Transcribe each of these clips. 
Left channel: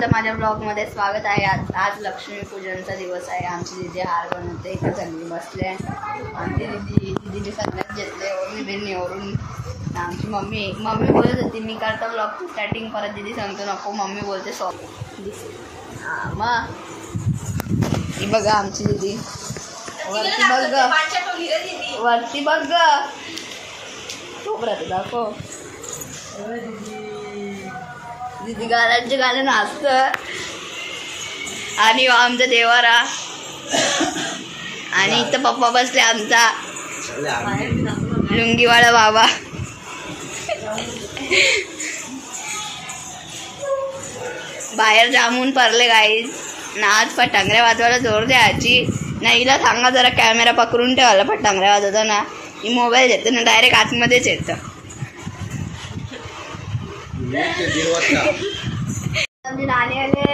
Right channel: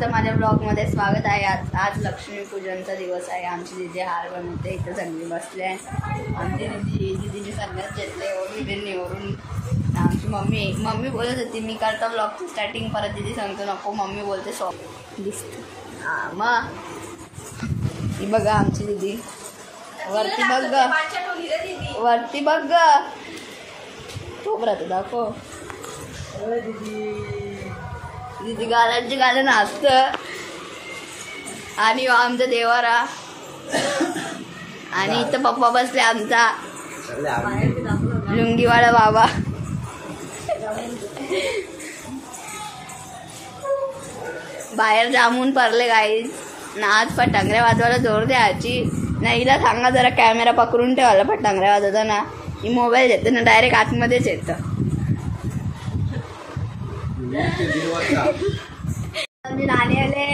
सर्वांचं माझ्या ब्लॉगमध्ये स्वागत आहे। आज लक्ष्मीपूजनचा दिवस आहे। आमची दीदी हार बनवते, इथे चांगली बसले आहे। आमची दीदीने संन्यास घेतले निवडून। आमची मम्मी बोलत होती मी करतो ब्लॉगची स्टार्टिंग, परत दीदी सांगतो नको, मम्मी बोलते सॉफ्ट दिसते। हां मग ही बघा आमची दीदी, वरती बघ वरती बघ तोपर्यंत दाखव। दीदी गाण्याचे गाणे नाचत आणि आमचा देवारा आणि इथं पप्पा बसले आमचा लुंगीवाला बाबा। बाहेर जामून पडले गाईज ना, आज फटांगऱ्या वाजवायला जोर द्यायची ना। हिला सांगा जरा कॅमेरा पकडून ठेवायला, फटांगऱ्या वाजवताना ही मोबाईल देतो ना डायरेक्ट आतमध्येच येतं। नाणी आले,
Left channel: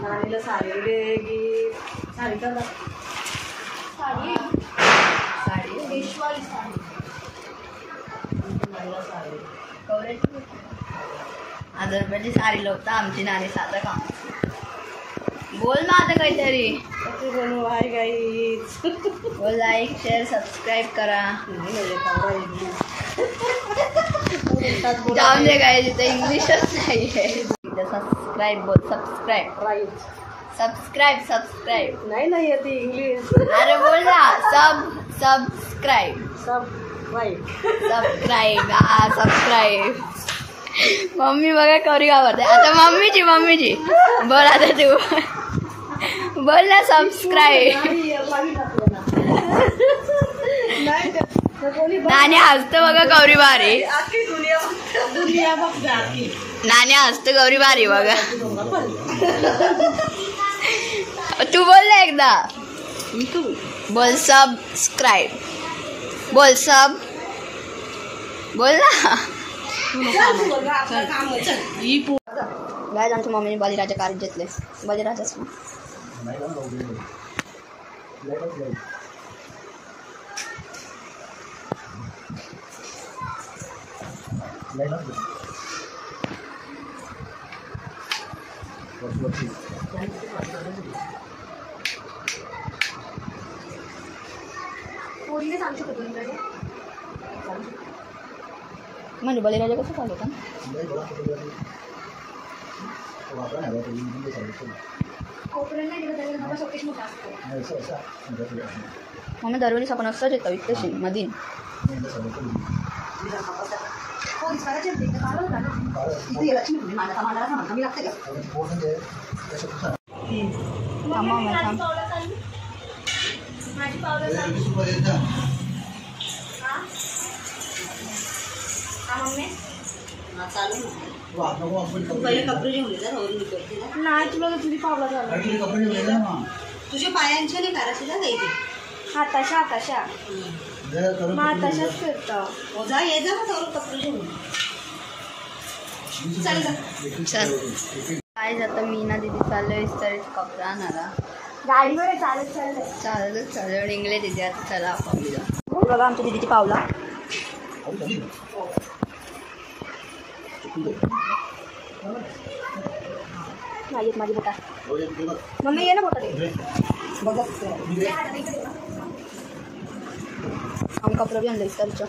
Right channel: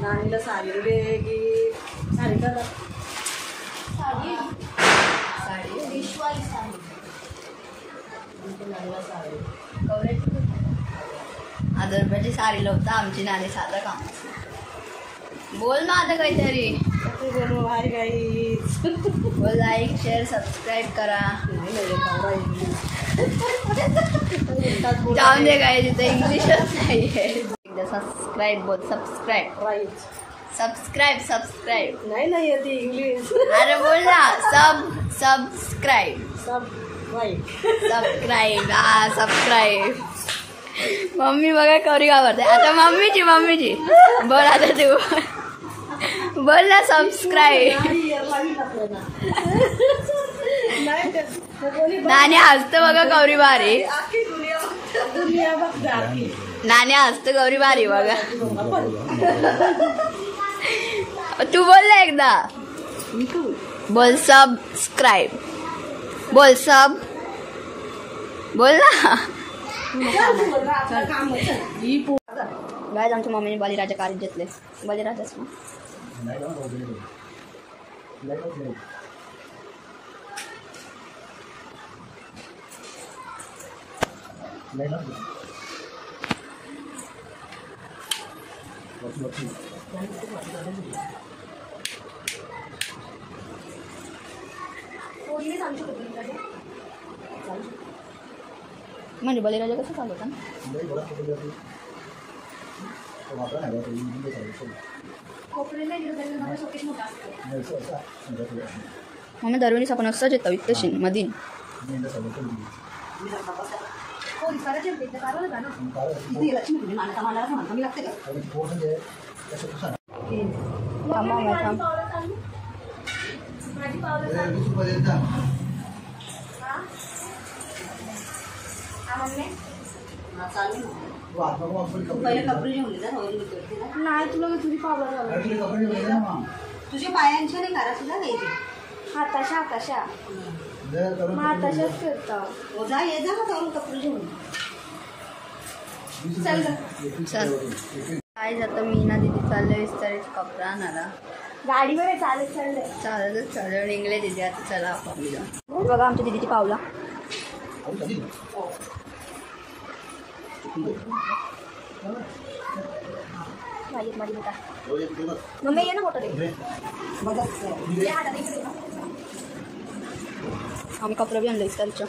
नाणीला साडी दे, साडी साडी साडी विश्वाली साडी, 1000 रुपयाची साडी लावता आमची नाणी। साधं काम बोल ना आता काहीतरी, बोलू हाय गाईज, बोल लाईक शेअर सबस्क्राईब करा। जाऊन दे गाईज, इथं इंग्लिशच नाही आहे। सबस्क्राईब बोल, सबस्क्राईब सबस्क्राईब सबस्क्राईब नाही येते इंग्लिश। अरे बोल ना, सबस्क्राईब सबस्क्राईब हा सबस्क्राईब। मम्मी बघा कवरी घाबरते आता। मम्मीची बोल आता तू बोल ना, सबस्क्राईब। नाणी हसतं बघा गौरी भारी, नाणी हसतं गौरी भारी बघा। तू बोल ना एकदा, बोल सबस्क्राईब, बोल सब बोल ना। गायज आमच्या मम्मीने बळीराजा कार घेतले, बळीराजाच ना। म्हणजे बळीराजा कसं चालू होता? मम्मी दरवेळी आपण असंच येतो इतकं मधीन। तुझ्या पायांच्या नाही करा तुला नाही, हाताशा तशाच फिरतो जा, ये जा ना कपडे घेऊन चल चल। काय जातं मी ना दीदी चाललोय इस्तारीचा कपडा आणायला, गाडीवर चालत निघले दीदी आता। चला आपण बघा आमच्या दीदीची पावला। माझी बेटा मम्मी ये ना मोठा दे, हम कपडा भी आणलं इस्तारीचं।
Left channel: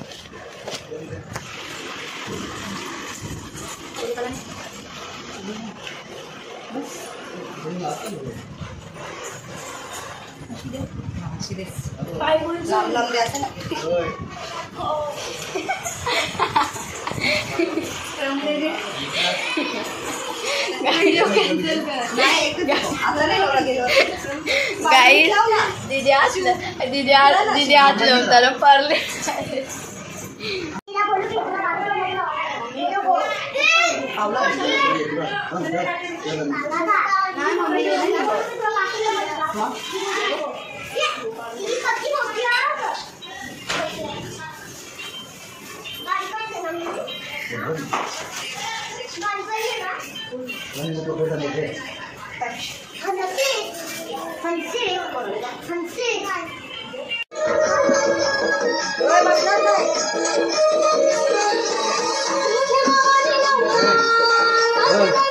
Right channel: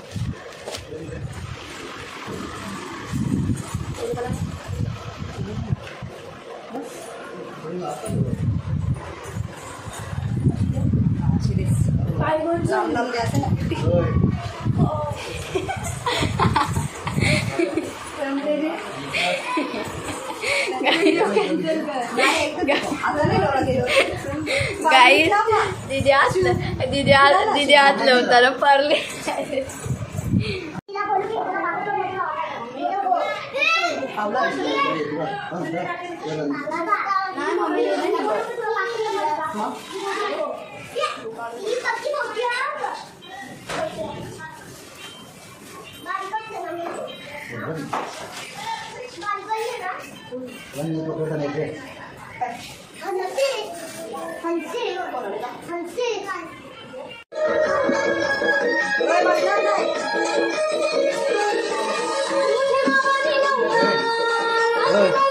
गाईस दीदी हात लावताना पारले।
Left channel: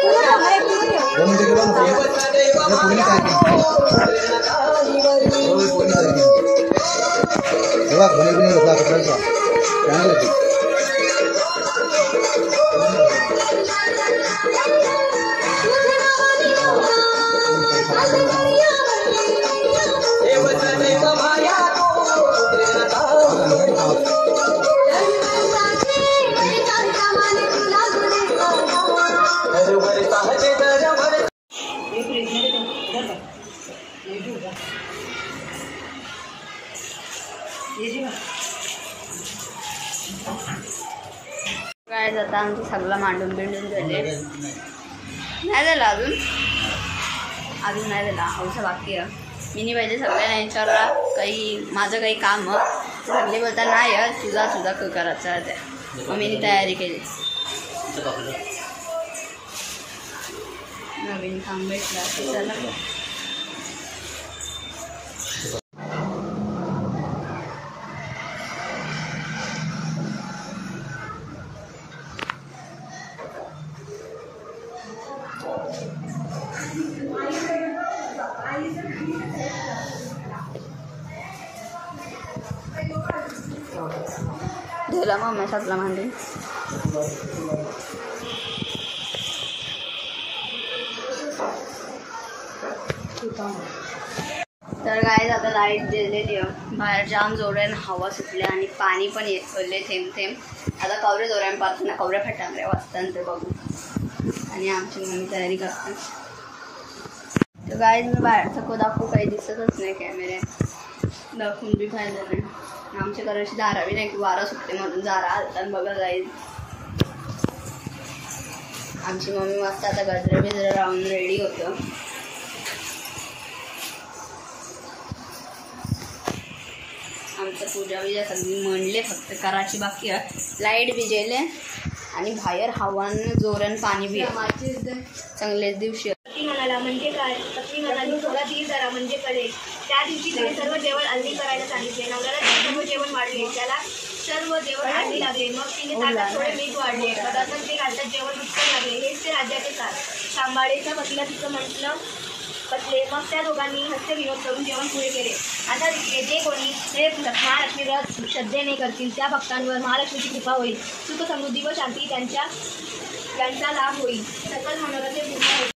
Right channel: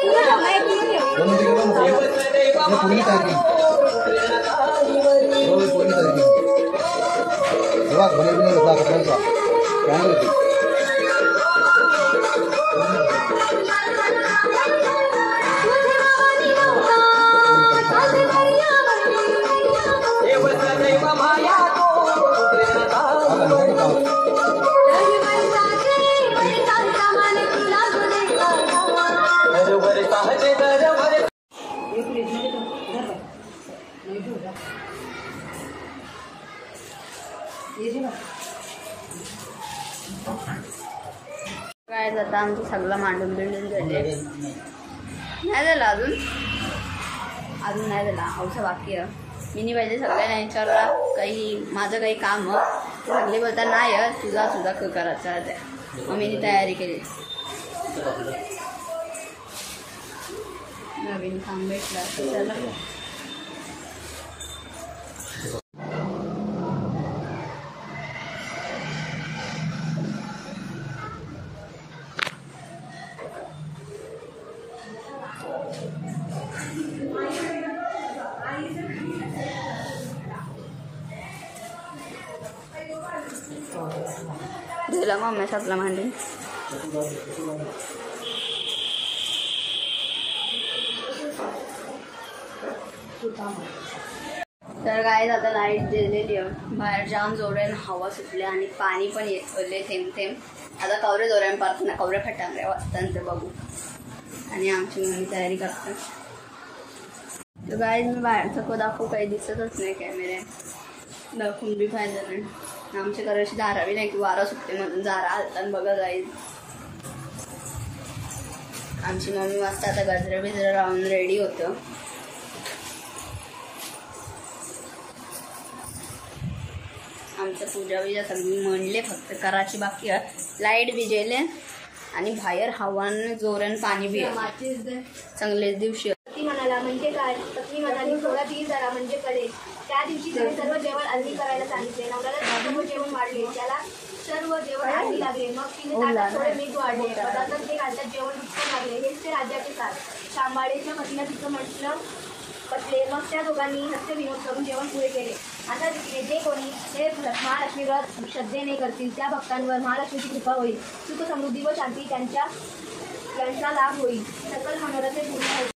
Udah, पूर्ण काय केलं पूर्ण काय केलं बघा घरी नाही लोक आपल्याला काय होते काय आता आमचं सगळं मांडून बिंडून झाले नाही झालं अजून नाही झाला औषध बाकी आहे मी पाहिजे सगळ्यांना विचारला काही माझं काही काम सगळे बोलता नाही तुझा करायचा आहे मग मी तयारी केली नवीन काम भेटला चला दिला मम्मी सगळं मांडून तर काय आता लाईट दिलेली आहे बाहेर जाम जोराने हवा सुटली आणि पाणी पण येतले थेंब थेंब आता कवरे जोराने पाहतो ना कवरे फटांगरे वाजतात ते बघू आणि आमची मम्मी तयारी करतात तर काय मी बाहेरचं दाखवू काही दिसतच नाही कॅमेरे दाखवून बी फायदा नाही आमच्या घराची दारावी नाही की वारा सुटते मधून दारा हलतात बघा जाईल आमची मम्मी मस्त आता गजरा बिजरा लावून रेडी होतं आमचं पूजा बिजा सगळी म्हणले फक्त करायची बाकी आहे लाईट बिजेले आणि बाहेर हवानं जोरानं पाणी बी चांगलेच दिवशी पत्नी म्हणाला म्हणजे काय पत्नी म्हणाली थोडा धीर धरा म्हणजे कळेल त्या दिवशी तिने सर्व जेवण आधी करायला सांगितले नवऱ्याला सर्व जेवण वाढले त्याला सर्व जेवण आधी लागले मग तिने ताटात थोडे मीठ वाढले पदार्थ ते घालतात जेवण रुचकू लागले हेच ते राज्याचे सार सांबाळेच्या पत्नीला तिचं म्हटलं पटले मग त्या दोघांनी हस्य विनोद करून जेवण पुरे केले आता जे कोणी हे महालक्ष्मी व्रत श्रद्धेने करतील त्या भक्तांवर महालक्ष्मीची कृपा होईल सुख समृद्धी व शांती त्यांचा लाभ होईल सकल मनोरथे पूर्ण होईल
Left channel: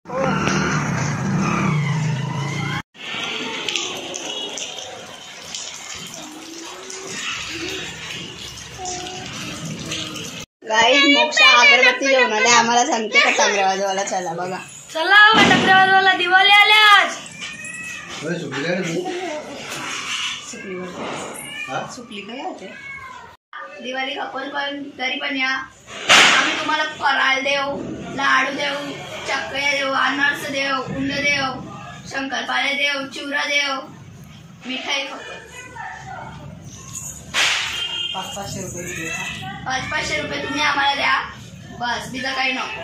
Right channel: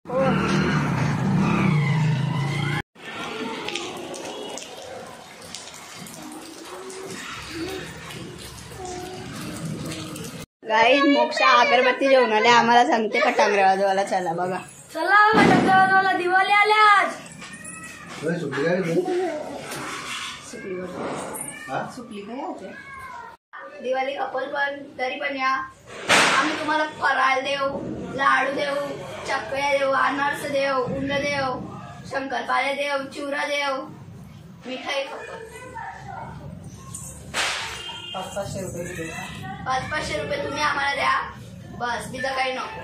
गाईज मोक्षा अगरबत्ती घेऊन आले आम्हाला सांगते फटांगरे वाजवायला चला बघा चला फटांगरे वाजवायला दिवाळी आल्या आज सुकली काय होते दिवाळी कपल पण तरी पण या आम्ही तुम्हाला फराळ देऊ लाडू देऊ चकल्या देऊ अनारस देऊ उंड देऊ शंकरपाळे देऊ चिवरा देऊ मिठाई खपल 500 रुपये 500 रुपये तुम्ही आम्हाला द्या बस बिजा काही नको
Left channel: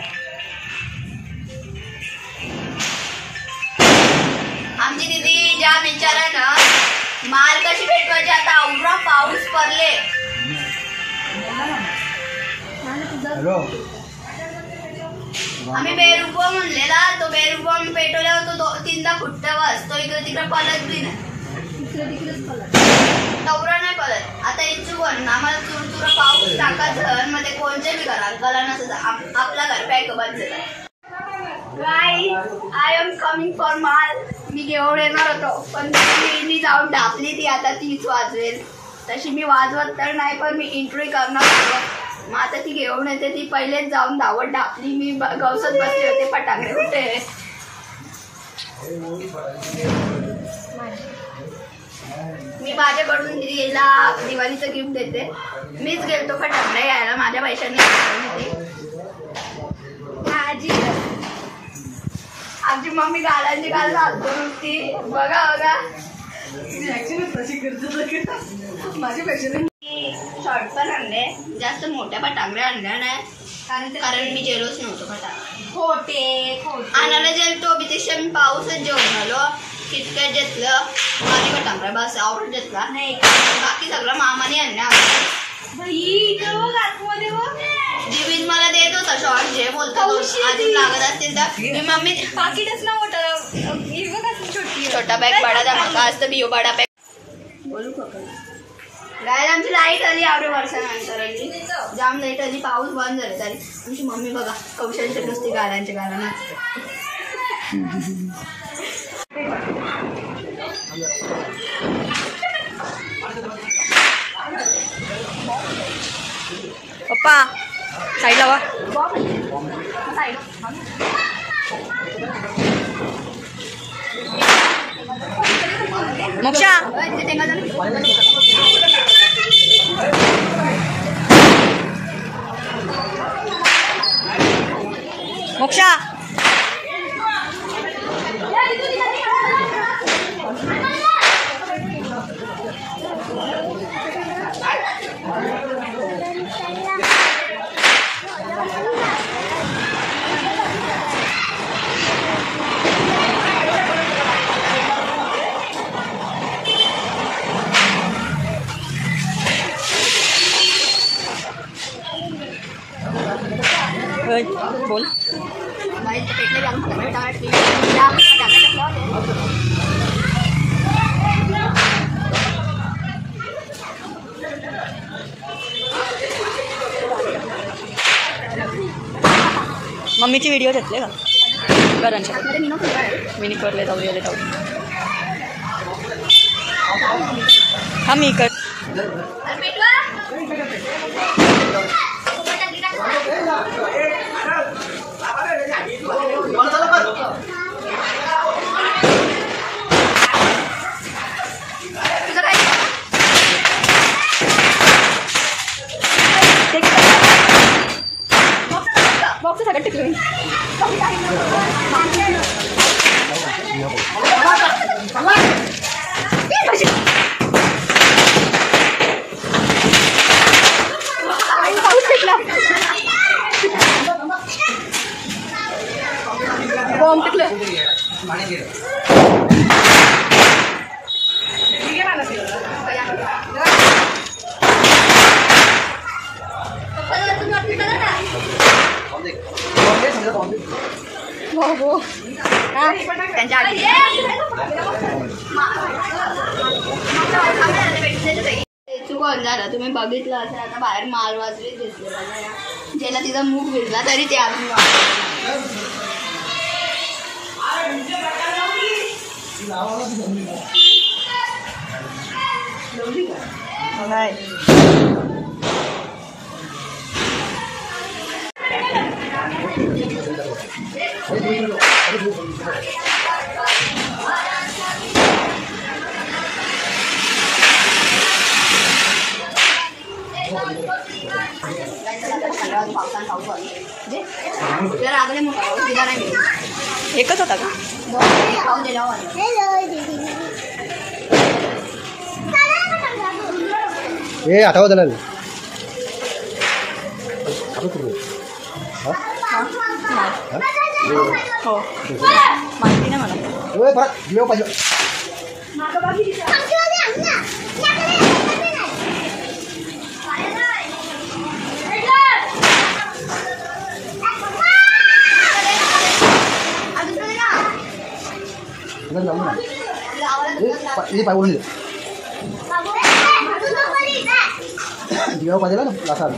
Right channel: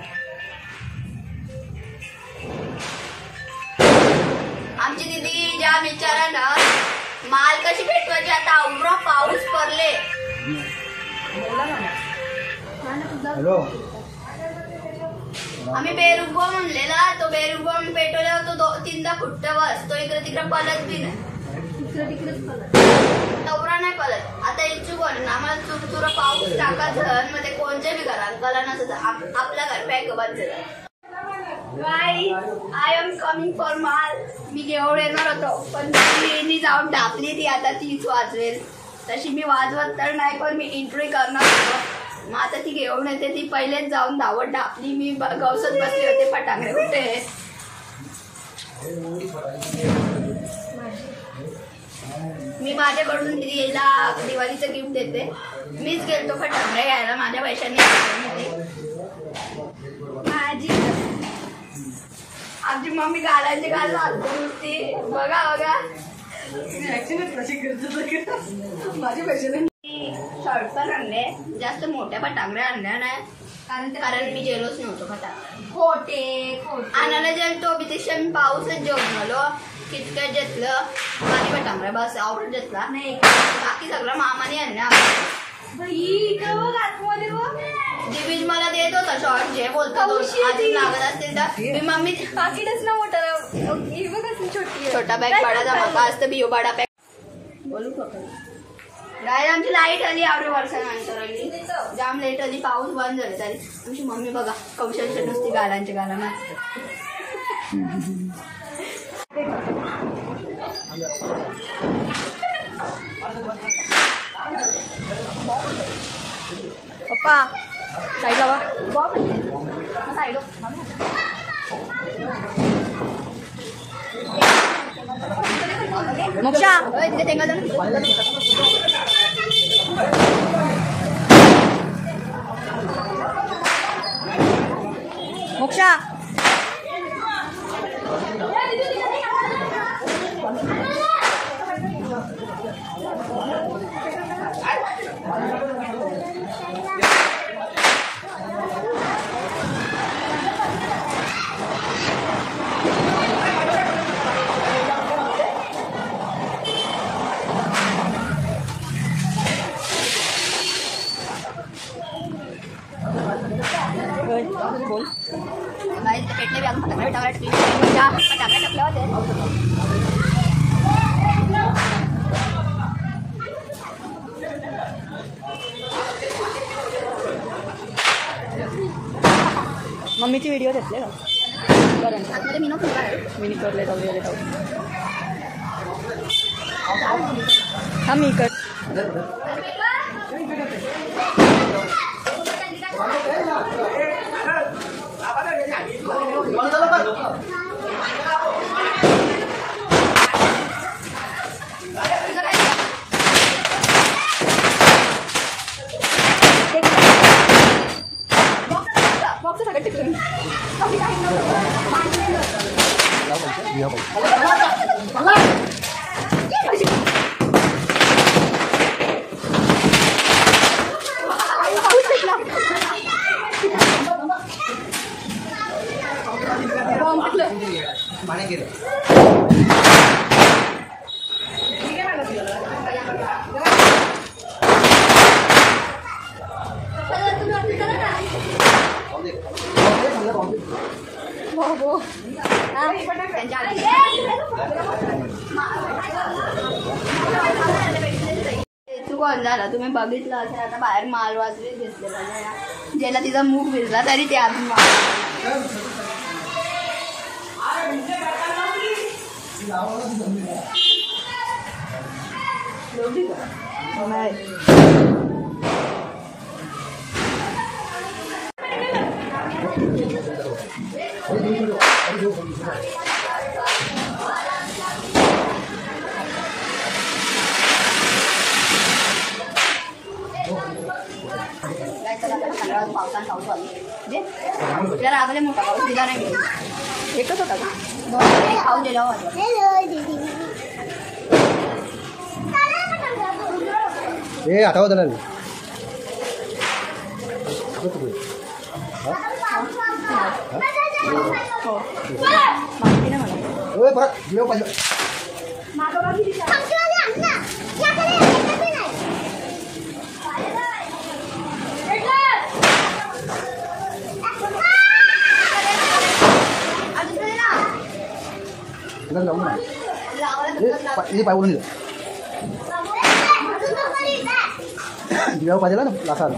आमची दीदी ज्या विचारानं माल कशी भेटवायची आता अवरा पाऊस पडले आम्ही बेरुबो म्हणलेला तो बेरुबो पेटवल्यावर तो 3दा फुटत बस तो इकडे तिकडे पलत बी नाही तवरा नाही पलत आता इचून आम्हाला चुरचुरा पाऊस टाकायचं मध्ये कोणत्या बी घरात गला नसत आपला घर पॅक बंद आय एम कमिंग फॉर माल मी घेऊन येणार होतो पण मी जाऊन डापली ती आता तीच वाजवेल तशी मी वाजवत तर नाही पण मी एंट्री करणार होतो मग आता ती घेऊन येते ती पहिलेच जाऊन धावत डापली मी गवसत बसले होते फटांगरे कुठे मी माझ्याकडून दिदीला दिवाळीचं गिफ्ट देते मीच गेलतो फटांगरे घ्यायला माझ्या पैशांनी माझी आमची मम्मी गाड्यांची गाल घालतो नुसती बघा बघा माझे पैसे शॉर्ट पण आणले जास्त मोठ्या फटांगऱ्या आणल्या नाही कारण मी जेलोच नव्हतो फटांगरे खोटे आणायला जेलतो त्यापेक्षा मी पाऊसच जेवण आलो किटकॅट घेतलं माझी फटांगऱ्या बस आवडत घेतला नाही बाकी सगळं मामाने आणल्या दिवीज मला देत होता शॉर्ट जे बोलतो अजून लागत असतील तर मी मम्मी पाकिटच ना मोठं छोटा बॅग बडा धमाका असतं बियो बडा बॅग बोलू गायला आमची लाईट आली आवडे वर्षानंतर आली जाम लाईट आली पाऊस बंद झाला तरी आमची मम्मी बघा कौशलच्या नुसती गाड्यांच्या गाला नाचते पप्पा साईड लावा मोक्षा मोक्षा बोल पेटले मम्मीची व्हिडिओ घेतले का घरांच्या मी करले जाऊ दे जाऊ हा मी कर कोण झालं तुम्ही बघितलं असेल आता बाहेर मालवाजरीच घेतले पाहिजे ज्याला तिचा मूग भिजला तरी ते अजून पावसान पाऊस आला जरा आगले मोठा पाऊस दिला नाही मिळेल एकच होता का पाऊस दिला ए आठवा झाला हो माहिती ना मला पाहिजे ini Pak Ulun itu. Dia apa jalan lasan.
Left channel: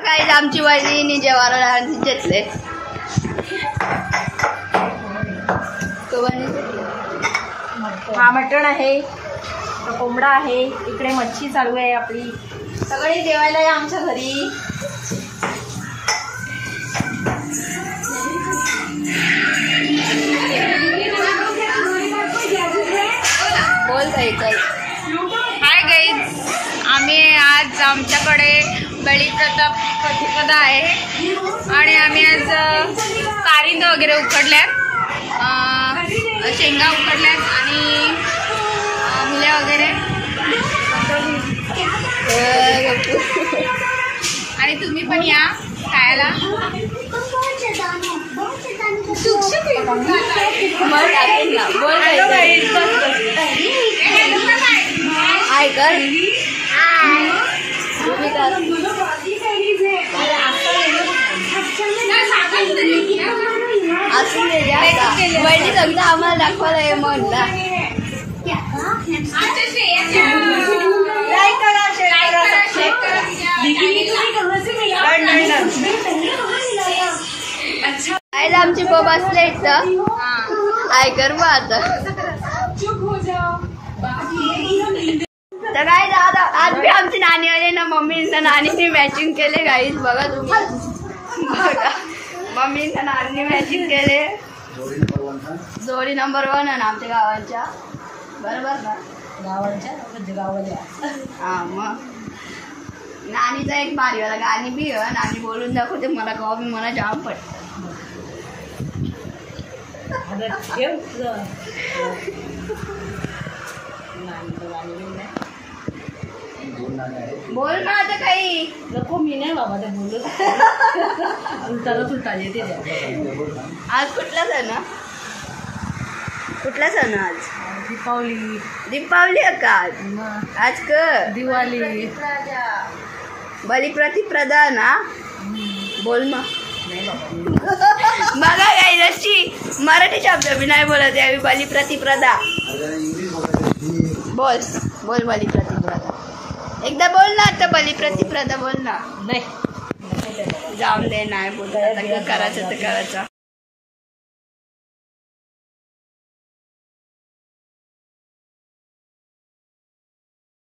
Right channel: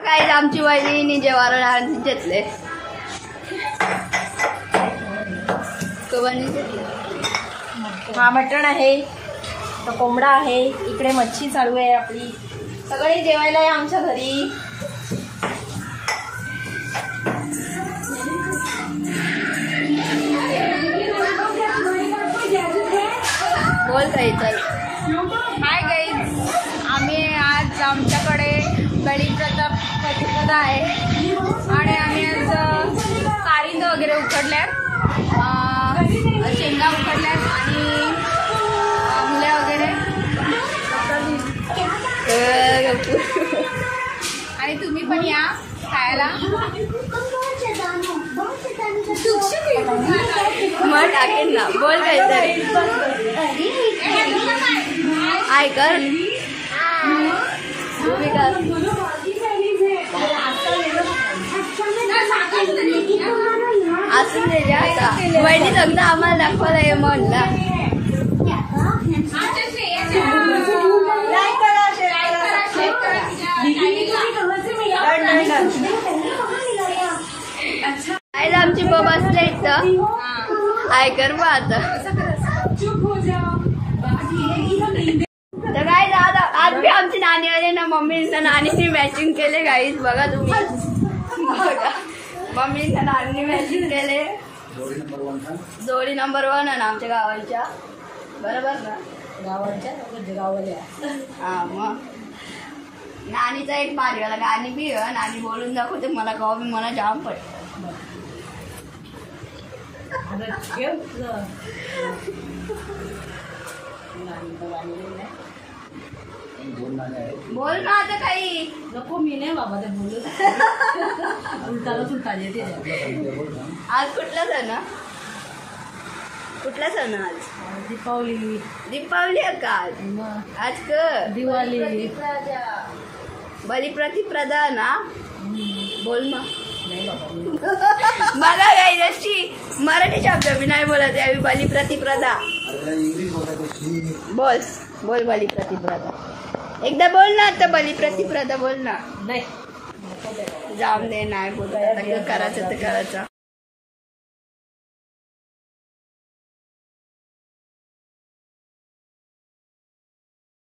काय आमची वहिनी जेवायला घेतले हा मटण आहे कोंबडा आहे इकडे मच्छी चालू आहे आपली सगळे जेवायला आहे आमच्या घरी बोल काही चल हाय गाईज आम्ही आज आमच्याकडे बळीप्रतिपदा आहे आणि आम्ही आज कारिंद वगैरे उकडल्यात शेंगा उकडल्यात आणि मुल्या वगैरे आणि तुम्ही पण या खायला मग टाकेल ना. बोल काय हाय कर तुम्ही कर. असून दे जास्त वहिनी सगळं आम्हाला दाखवायला हे म्हणला. आईला आमची बब असले इथं ऐकर मग आता. तर काय आज बी आमची नानी आली ना. मम्मीनं नानीने मॅचिंग केले गाईज बघा तुम्ही. बघा मम्मीनं नानीने मॅचिंग केले. जोडी नंबर 1 आहे ना आमच्या गावांच्या. बरोबर ना गावाच्या. हा मग नानीचा एक भारीवाला गाणी बी आहे. नानी बोलून दाखवते मला गाव बी मला जाम पडतं. बोल ना आता काही नको. मी नाही बाबा ते बोलत आज कुठला सण कुठला सण आज. दीपावली. दीपावली आहे का आज क दिवाळी. बलिप्रतिप्रदा ना. बोल ना. बघा काही जशी मराठी शब्द मी नाही बोलत यावी. बलिप्रतिप्रदा बोल बोल. बलिप्रतिप्रदा एकदा बोल ना. आता बलिप्रतिप्रदा बोल ना. नाही जाऊन दे नाही बोलत. आता करायचं तर करायचं.